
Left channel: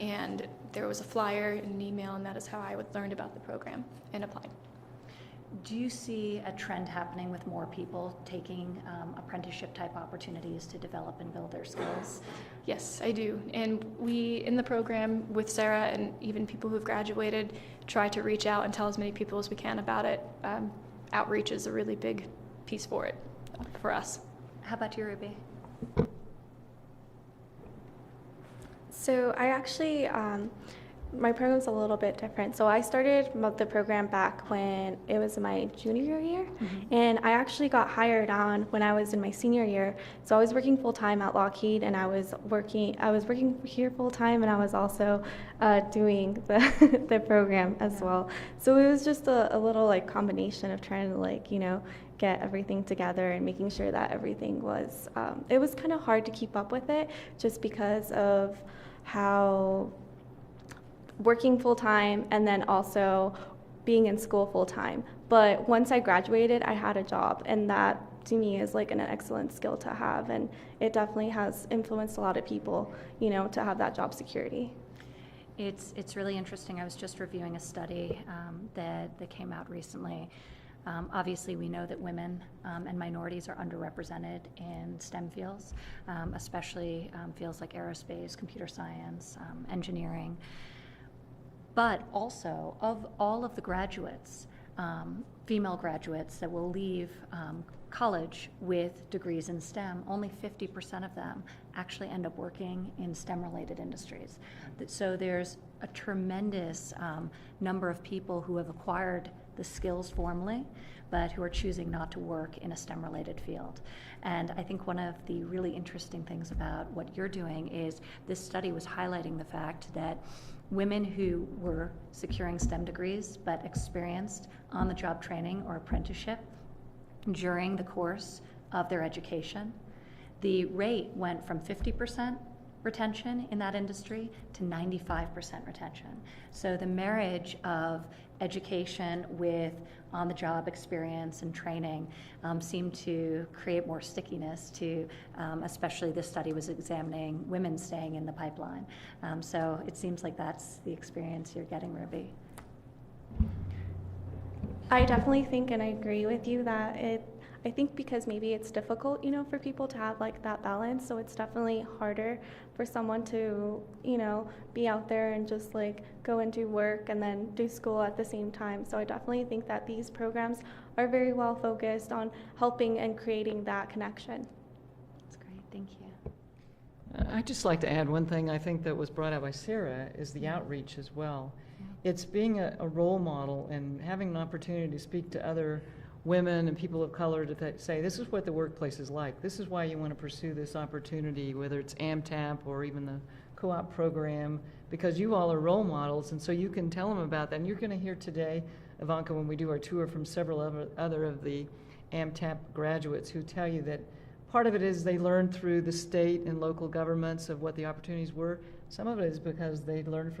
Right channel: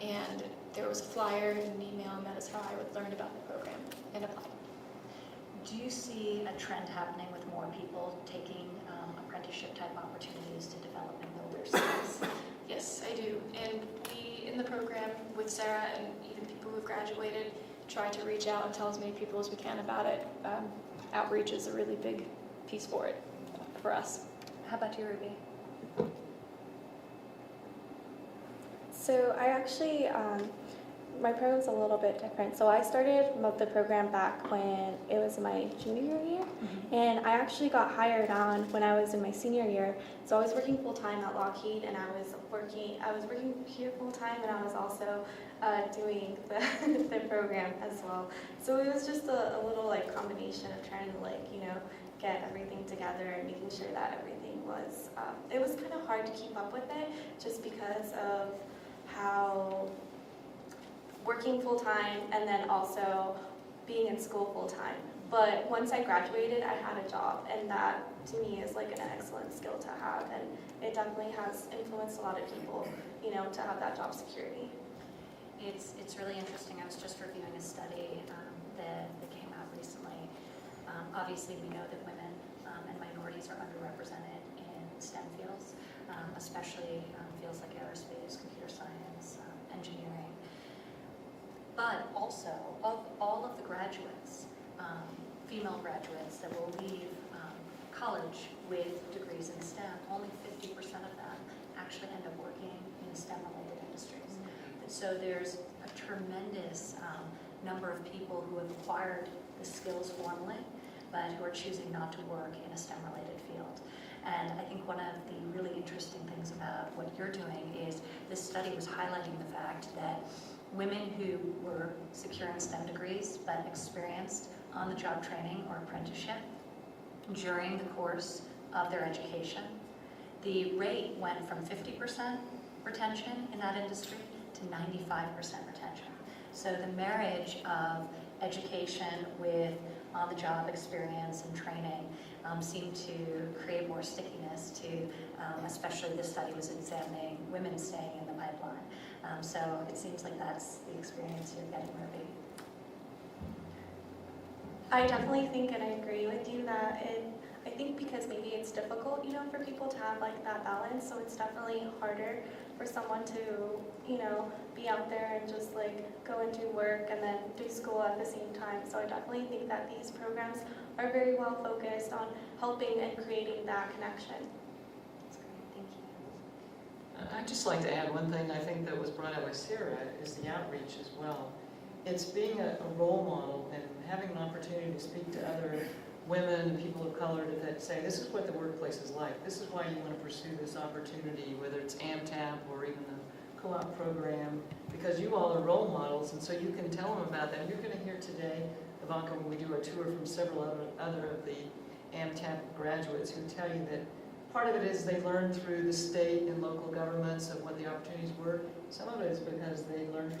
And there was a flyer and an email, and that is how I learned about the program and applied. Do you see a trend happening with more people taking apprenticeship type opportunities to develop and build their skills? Yes, I do. And we, in the program with Sarah and even people who've graduated, try to reach out and tell as many people as we can about it. Outreach is a really big piece for it, for us. How about you, Ruby? So I actually, my program's a little bit different. So I started the program back when it was my junior year, and I actually got hired on when I was in my senior year. So I was working full-time at Lockheed, and I was working here full-time, and I was also doing the program as well. So it was just a little like combination of trying to get everything together and making sure that everything was, it was kind of hard to keep up with it just because of how working full-time and then also being in school full-time. But once I graduated, I had a job, and that to me is like an excellent skill to have, and it definitely has influenced a lot of people, to have that job security. It's really interesting. I was just reviewing a study that came out recently. Obviously, we know that women and minorities are underrepresented in STEM fields, especially fields like aerospace, computer science, engineering. But also, of all of the graduates, female graduates that will leave college with degrees in STEM, only 50% of them actually end up working in STEM-related industries. So there's a tremendous number of people who have acquired the skills formally, but who are choosing not to work in a STEM-related field. And I think one of the really interesting things about what you're doing is this study was highlighting the fact that women who were securing STEM degrees but experienced on-the-job training or apprenticeship during the course of their education, the rate went from 50% retention in that industry to 95% retention. So the marriage of education with on-the-job experience and training seemed to create more stickiness to, especially this study was examining women staying in the pipeline. So it seems like that's the experience you're getting, Ruby. I definitely think, and I agree with you, that I think because maybe it's difficult, for people to have like that balance, so it's definitely harder for someone to, be out there and just like go and do work and then do school at the same time. So I definitely think that these programs are very well focused on helping and creating that connection. That's great, thank you. I'd just like to add one thing I think that was brought out by Sarah is the outreach as well. It's being a role model and having an opportunity to speak to other women and people of color to say, this is what the workplace is like. This is why you want to pursue this opportunity, whether it's AMTAP or even the co-op program, because you all are role models, and so you can tell them about that. And you're going to hear today, Ivanka, when we do our tour, from several other of the AMTAP graduates who tell you that part of it is they learned through the state and local governments of what the opportunities were. Some of it is because they learned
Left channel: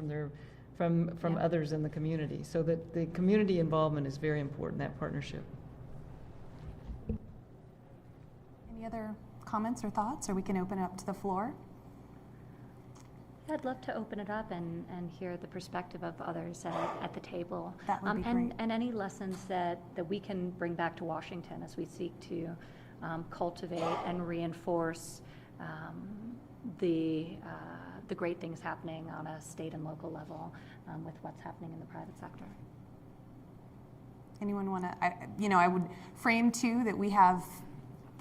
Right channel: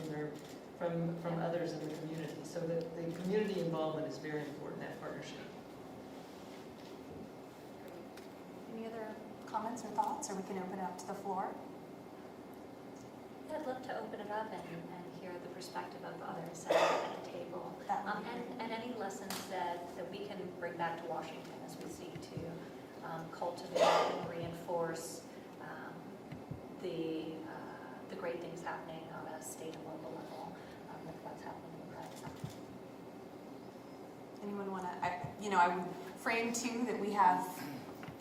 from others in the community. So that the community involvement is very important, that partnership. Any other comments or thoughts, or we can open it up to the floor? I'd love to open it up and hear the perspective of others at the table. That would be great. And any lessons that we can bring back to Washington as we seek to cultivate and reinforce the great things happening on a state and local level with what's happening in the private sector. Anyone want to, I would frame too that we have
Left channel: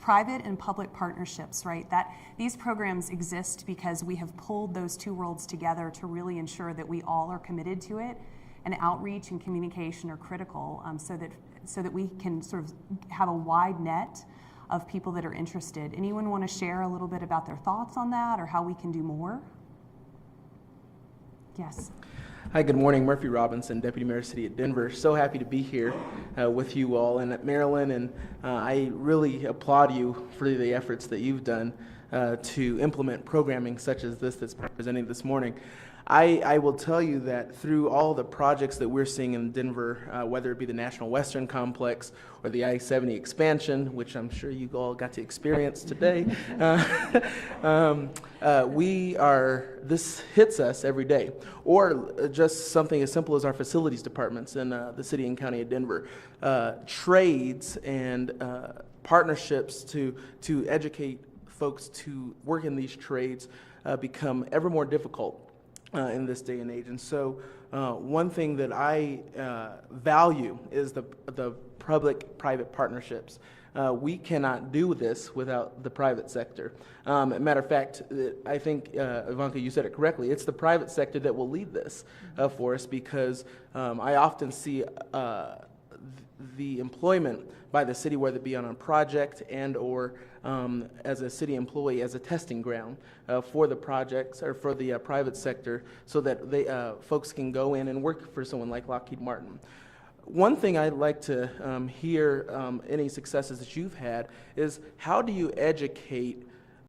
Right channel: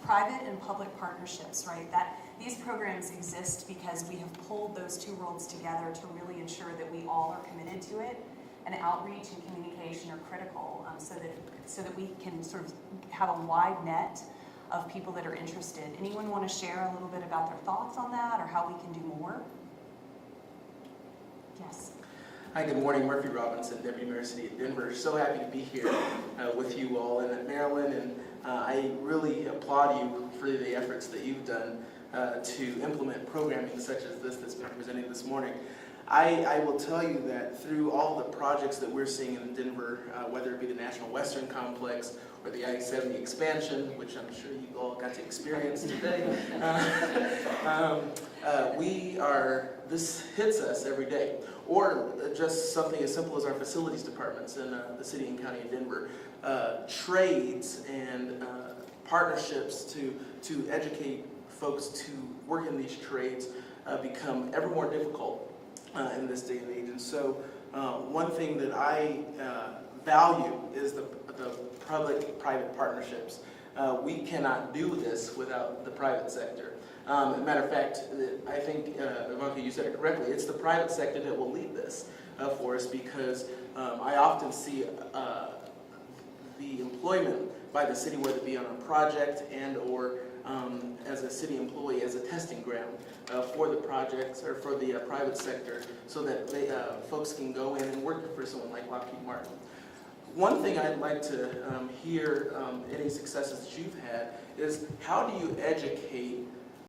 private and public partnerships, right? That these programs exist because we have pulled those two worlds together to really ensure that we all are committed to it, and outreach and communication are critical so that we can sort of have a wide net of people that are interested. Anyone want to share a little bit about their thoughts on that or how we can do more? Yes. Hi, good morning. Murphy Robinson, Deputy Mayor of the City of Denver. So happy to be here with you all and at Maryland, and I really applaud you for the efforts that you've done to implement programming such as this that's presented this morning. I will tell you that through all the projects that we're seeing in Denver, whether it be the National Western Complex or the I-70 expansion, which I'm sure you all got to experience today, this hits us every day. Or just something as simple as our facilities departments in the city and county of Denver. Trades and partnerships to educate folks to work in these trades become ever more difficult in this day and age. And so one thing that I value is the public-private partnerships. We cannot do this without the private sector. Matter of fact, I think, Ivanka, you said it correctly. It's the private sector that will lead this for us, because I often see the employment by the city, whether it be on a project and or as a city employee, as a testing ground for the projects or for the private sector, so that they folks can go in and work for someone like Lockheed Martin. One thing I'd like to hear any successes that you've had is, how do you educate